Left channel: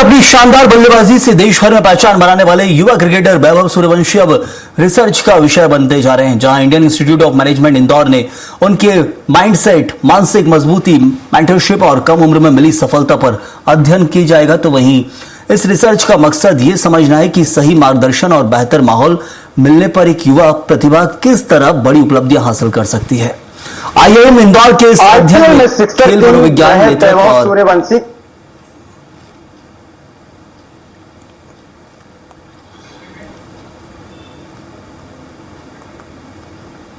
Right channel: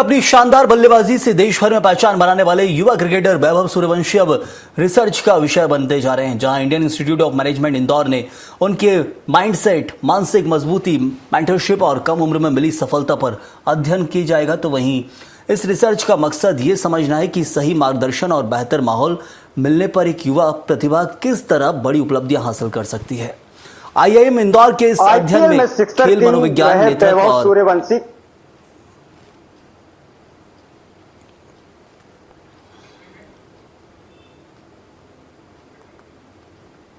अपनी शानदार बल्लेबाजी से देश भर में पहचान बनाने वाले युवा क्रिकेटर वैभव सूर्यवंशी अब रिसर्च का विषय बनते जा रहे हैं। जहां Indian institute of management Indore ने उनके माइंडसेट, मानसिक मजबूती, मेंटरशिप और कम उम्र में मिली सफलता पर अध्ययन किया जाएगा, तो वहीं इस रिसर्च का मकसद ये समझना है कि सही मार्गदर्शन और बेहतर माहौल मिलने पर एक युवा प्रतिभा किस तरह बड़ी उपलब्धियां हासिल कर सकती है। IIM इंदौर के इस अध्ययन में खेल मनोविज्ञान सूर्यवंशी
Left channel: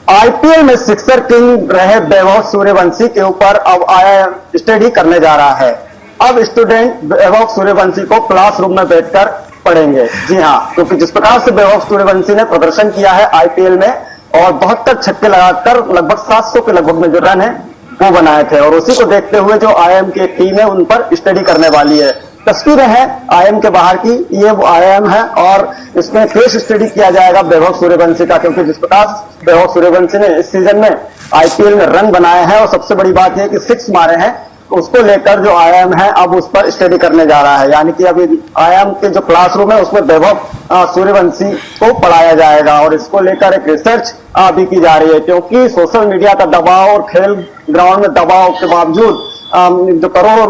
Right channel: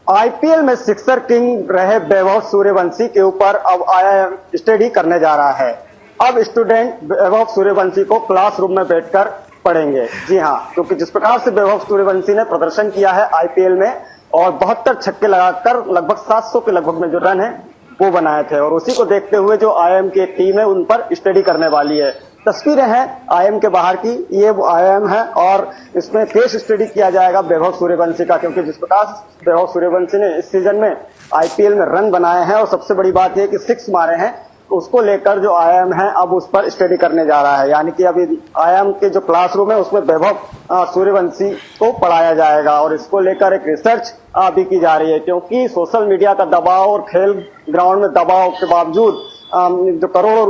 IPL में सिक्सर किंग रहे वैभव सूर्यवंशी के ऊपर अब IIM स्टडी करने जा रहा है। अब स्टूडेंट वैभव सूर्यवंशी को क्लासरूम में बैठकर पढ़ेंगे। जी हाँ, क्योंकि जिस प्रकार से वैभव सूर्यवंशी ने प्रदर्शन किया है IPL में और 72 छक्के लगाकर लगभग 700 के लगभग में जो रन है वो बनाए थे, और उसी को देखते हुए जो IIM की टीम है उन पर स्टडी करने वाली है। तस्वीरें हैं IIM के बाहर की, ये वो IIM है और इसमें केस स्टडी किया जाएगा वैभव सूर्यवंशी का, क्योंकि जिस प्रकार वैभव सूर्यवंशी ने इस सीजन में IPL में रन बनाए हैं और सबसे बड़ी बात यह कि 6 मारे हैं, उसको लेकर जो IIM है अब उस पर स्टडी करने जा रहा है। यानी कि अभी IIM के जो क्लासरूम है उसमें वैभव सूर्यवंशी को पढ़ाया जाएगा और इसको लेकर एक रिसर्च भी की जा रही है, क्योंकि सोशल मीडिया का दबाव और खेल ग्राउंड में दबाव के बावजूद जो करोड़ों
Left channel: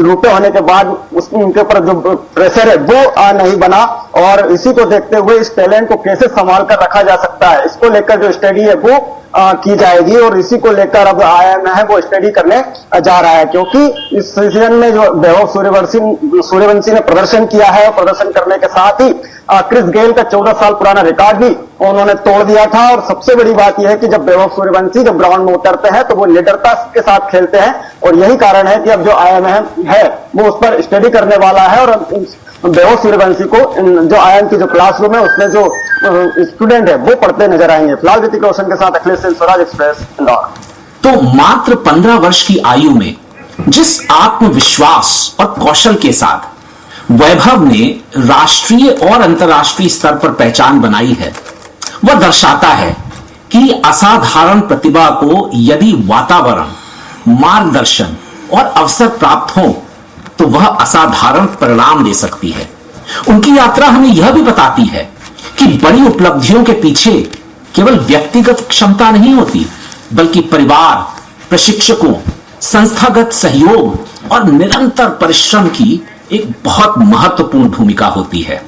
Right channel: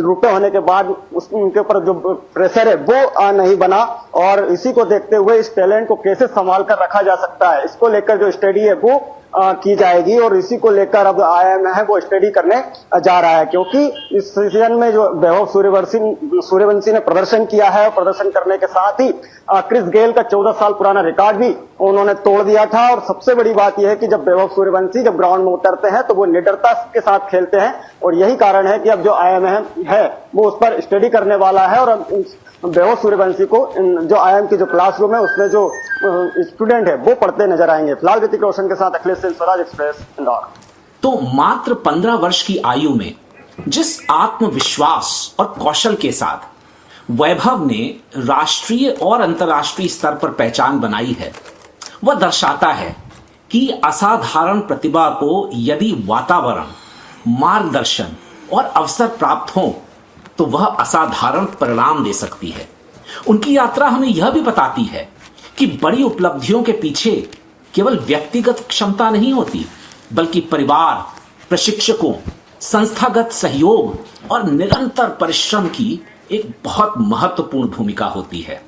रुपए होने के बाद उनके ऊपर जो प्रेशर है वो नहीं बना, और इसी को देखते हुए इस टैलेंट को कैसे संभाल कर रखा जा सकता है, इसको लेकर जो स्टडी है वो की जाएगी। और इसी को लेकर अब IIM है वो स्टडी करने जा रहा है, क्योंकि इस सीजन में जो वैभव सूर्यवंशी ने प्रदर्शन किया है, प्रदर्शन करने के साथ ही क्रिस गेल का 14 साल पुराना रिकॉर्ड भी उन्होंने तोड़ दिया था। और सबसे बड़ी बात यह है कि जब वैभव सूर्यवंशी जब ग्राउंड में उतरते हैं तो वो निडरता के साथ खेलते हैं, और यही कारण है कि अब जो IIM है वो उस पर स्टडी करने वाला है। और वैभव सूर्यवंशी को जो IIM की जो क्लासरूम है उसमें जो स्टूडेंट है वो पढ़ते नजर आएंगे। फिलहाल ऋतिक रोशन के साथ अखिलेश सिंह, स्वराज एक्सप्रेस, इंदौर। तो मात्र 15 वर्ष की आयु में जिस आत्मविश्वास और कौशल के साथ वैभव ने राष्ट्रीय और अंतर्राष्ट्रीय स्तर पर पहचान बनाई है, वह दर्शाता है कि असाधारण प्रतिभा को यदि वातावरण, मार्गदर्शन और अवसर प्राप्त हो तो वह असाधारण परिणाम दे सकती है। उनकी यात्रा हमें यह भी बताती है कि बड़ी उपलब्धियों के पीछे केवल व्यक्तिगत क्षमता नहीं होती, बल्कि परिवार, प्रशिक्षकों, संस्थागत सहयोग और निरंतर परिश्रम की एक बहुत महत्वपूर्ण भूमिका होती है।